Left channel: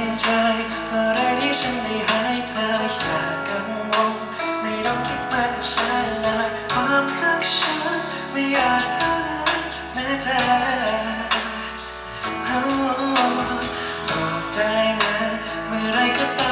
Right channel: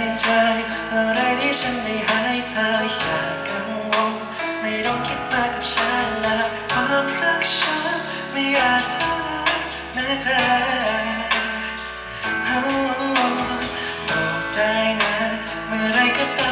นใจเมื่อไรที่ฉันได้หายเธออยากกังวลไม่ต้องคิดมากกับฉันนะความรักฉันไม่อาจทำลานั้นนะเธอบอกได้นะเมื่อไรก็ตาม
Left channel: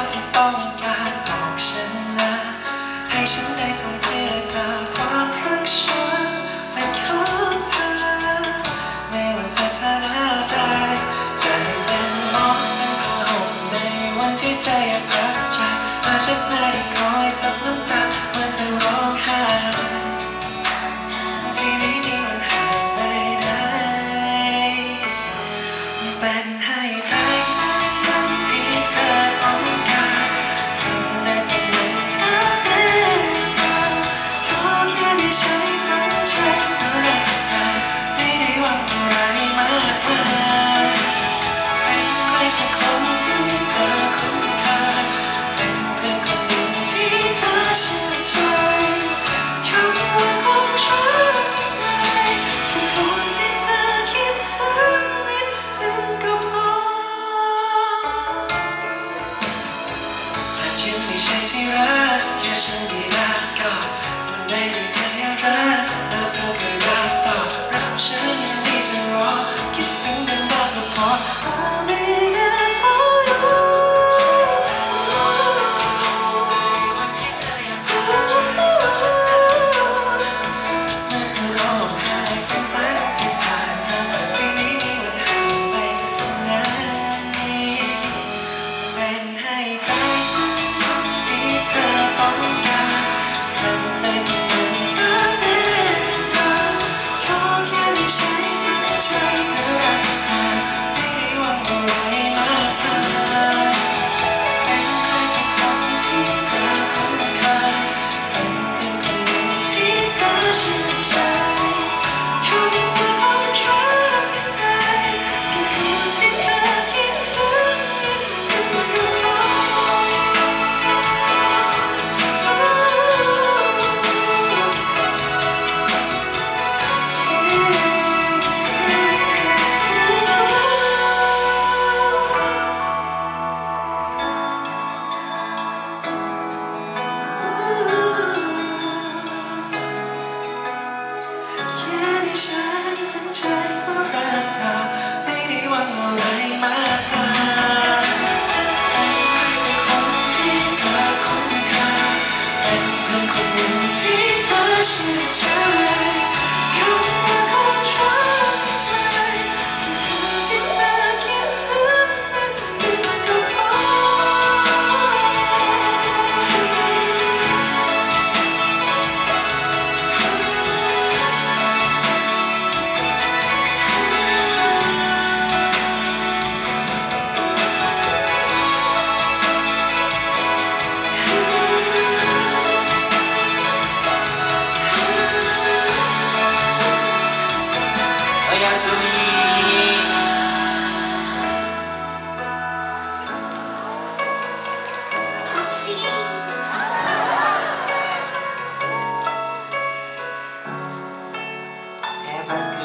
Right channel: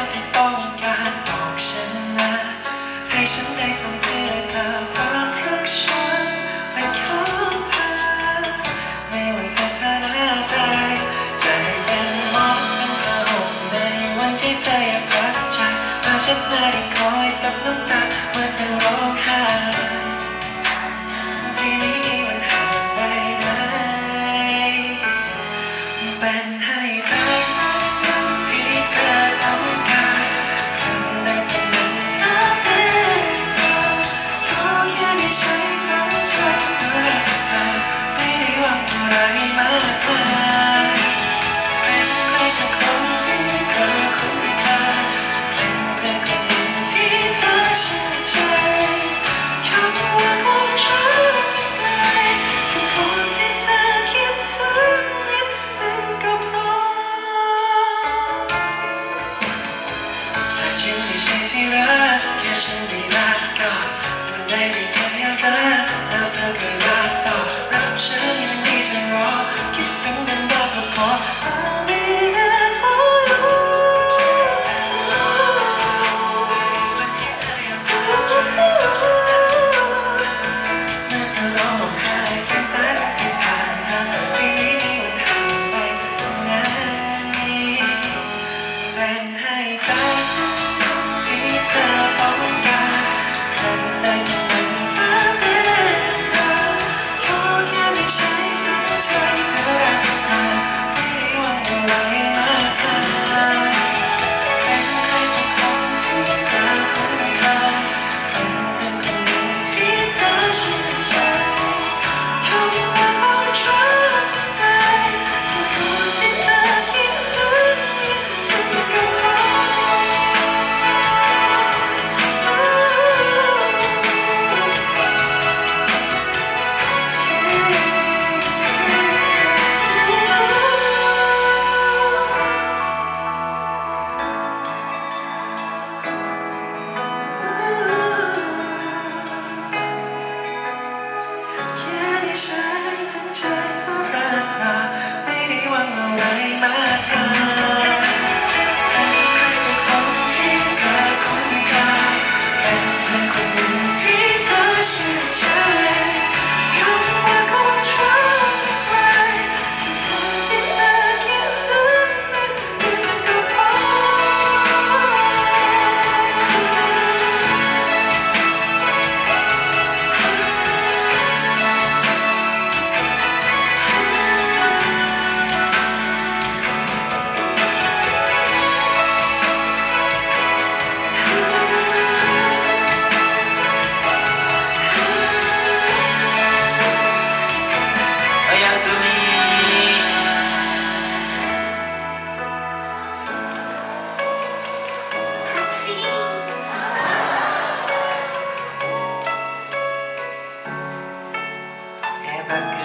เธอยังรักฉันแต่ฉันได้คอยซับน้ำตาเมื่อเธอร้องไห้ จริงไม่ใช่ที่รักแค่ฉันไม่รักก็มันได้ mind. Okay.